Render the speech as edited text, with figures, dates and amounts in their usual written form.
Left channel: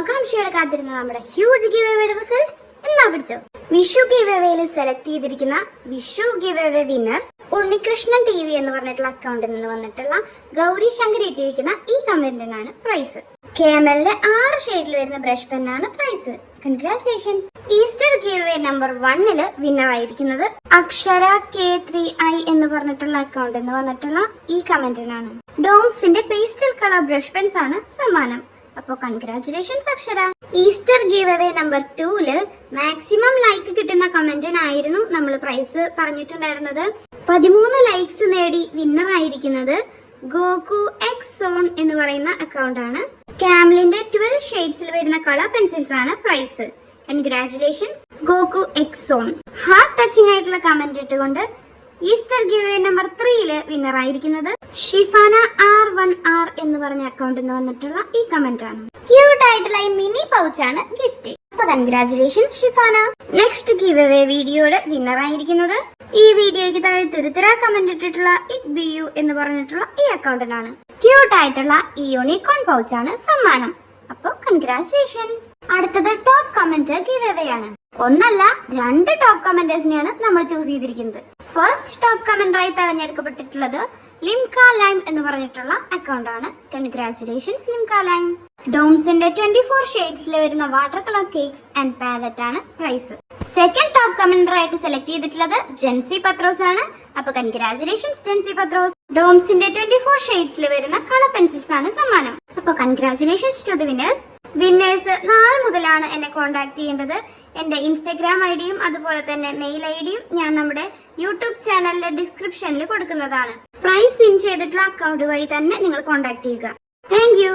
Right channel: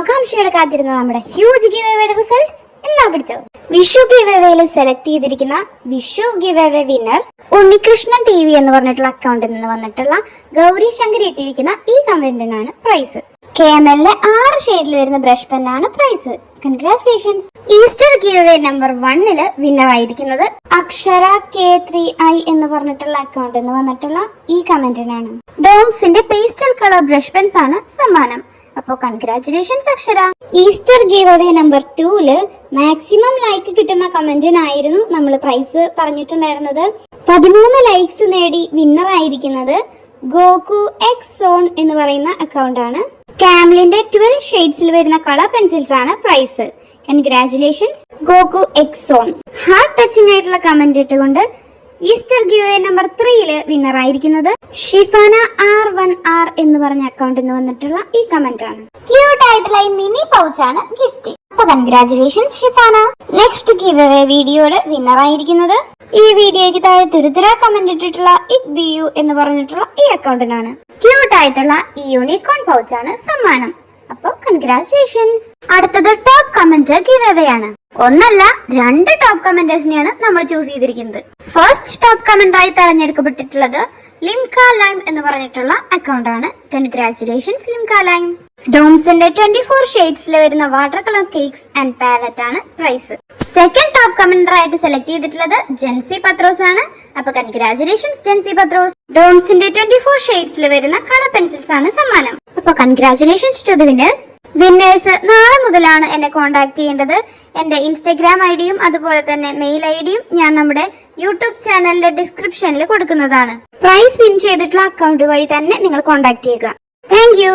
ആകാംക്ഷയോടെ കാത്തിരുന്ന നമ്മുടെ ഹ്യൂജ് ഗിവ് അവേയുടെ റിസൾട്ട് എന്നാ പിടിച്ചോ. വിഷു ഗിവ് അവേയിൽ സെലക്ട് ചെയ്തിരിക്കുന്ന Vishu give away winner Unnikrishnan TV എന്ന് പറഞ്ഞിട്ടുള്ള അക്കൗണ്ടിൽ നിന്ന് വന്നിട്ടുള്ള ഗൗരി ശങ്കർ ഇട്ടിരിക്കുന്ന ഈ കമന്റിനാണ് പ്രൈസ്. KML 6 ഷെയ്ഡിൽ വരുന്ന ബ്രഷ് പെന്നാണ് prize. Congratulations. Easter giveaway number 1 winner ആയിരിക്കുന്നത് അക്ഷര K3I എന്ന് പറഞ്ഞിട്ടുള്ള അക്കൗണ്ടിൽ നിന്ന് വന്നിട്ടുള്ള ഈ കമന്റിനാണ്. ഡോംസിന്റെ പേസ്റ്റൽ കളർ ബ്രഷ് പെൻസ് ആണ് സമ്മാനം. അപ്പോൾ congratulations Akshara. Easter giveaway number 2 maximum like കിട്ടുന്ന കമന്റിനായിരുന്നു നമ്മൾ പ്രൈസ് പറഞ്ഞിട്ടുണ്ടായിരുന്നത്. 13 ലൈക്സ് നേടി വിന്നർ ആയിരിക്കുന്നത് ഗോകു എക്സ് സോൺ എന്ന് പറയുന്ന അക്കൗണ്ട് ആണ്. കാംലിന്റെ 12 ഷെയ്ഡ്സിൽ വരുന്ന കളർ പെൻസിൽസ് ആണ് prize. Congratulations Goku X zone. Heart touching ആയിട്ടുള്ള കമന്റ് ഇട്ടുകൊണ്ട് ഈസ്റ്റർ ഗിവ് നമ്പർ 3 വിന്നർ ആയിരിക്കുന്നത് ഷിഫാന R1R എന്ന് പറഞ്ഞ അക്കൗണ്ടിൽ നിന്ന് വന്നിട്ടുള്ള ഈ കമന്റ് ആണ്. ക്യൂട്ട് ആയിട്ടുള്ള ഈ മിനി പൗച്ച് ആണ് ഗിഫ്റ്റ്. അപ്പൊ congratulations Shifana. Next give away വീഡിയോയുടെ വിന്നർ ആയിരിക്കുന്നത് ഈ വീഡിയോയ്ക്ക് താഴെ തുരുതുര കമന്റ് ഇട്ടിട്ടുള്ള ഇക്ബിയു എന്ന് പറഞ്ഞിട്ടുള്ള ഈ അക്കൗണ്ടിനാണ്. ക്യൂട്ട് ആയിട്ടുള്ള ഈ യൂണിക്കോൺ പൗച്ച് ആണ് സമ്മാനം. അപ്പൊ കൺഗ്രാറ്റുലേഷൻസ്. അടുത്തത് ടോപ്പ് കമന്റ് ഗിവ് അവേ ആണ്. ഒന്നല്ല 2 ടോപ്പ് കമന്റേഴ്സിനെയാണ് നമ്മൾ ചൂസ് ചെയ്തിരിക്കുന്നത്. ഫസ്റ്റ് ടോപ്പ് കമന്ററായി തെരഞ്ഞെടുക്കപ്പെട്ടിട്ടുള്ളത് ലിംക ലൈം എന്ന് പറഞ്ഞിട്ടുള്ള അക്കൗണ്ട് ആണ്. Congratulations Limka lime. ഡോംസിന്റെ 24 ഷെയ്ഡ്സിൽ വരുന്ന water colour cakes and palette ആണ് പ്രൈസ്. സെക്കൻഡ് ടോപ്പ് കമന്റർ ആയിട്ട് സെലക്ട് ചെയ്തിട്ടുള്ളത് ജെൻസി പത്രോസ് ആണ്. അപ്പൊ കൺഗ്രാറ്റുലേഷൻസ് ജെൻസി പത്രോസ്. ഡോംസിന്റെ 24 ഷെയ്ഡ്സിൽ വരുന്ന കളർ പെൻസിൽസ് ആണ് സമ്മാനം. അപ്പൊ congratulations to the winners. Winners നാളെ മുതലാണ് എന്നെ കോൺടാക്ട് ചെയ്യേണ്ടത്. എന്റെ ഇൻസ്റ്റഗ്രാം ഐഡിയും അതുപോലെ തന്നെ മെയിൽ ഐഡിയും ഞാൻ നമ്മുടെ യൂട്യൂബ് ചാനലിലെ ഡിസ്ക്രിപ്ഷനിൽ കൊടുക്കുന്നതാണ്. പ്രൈസ് വിൻ ചെയ്തിട്ടുള്ള അക്കൗണ്ട് വഴി തന്നെ നിങ്ങൾ കോൺടാക്ട് ചെയ്യുക. Thank you.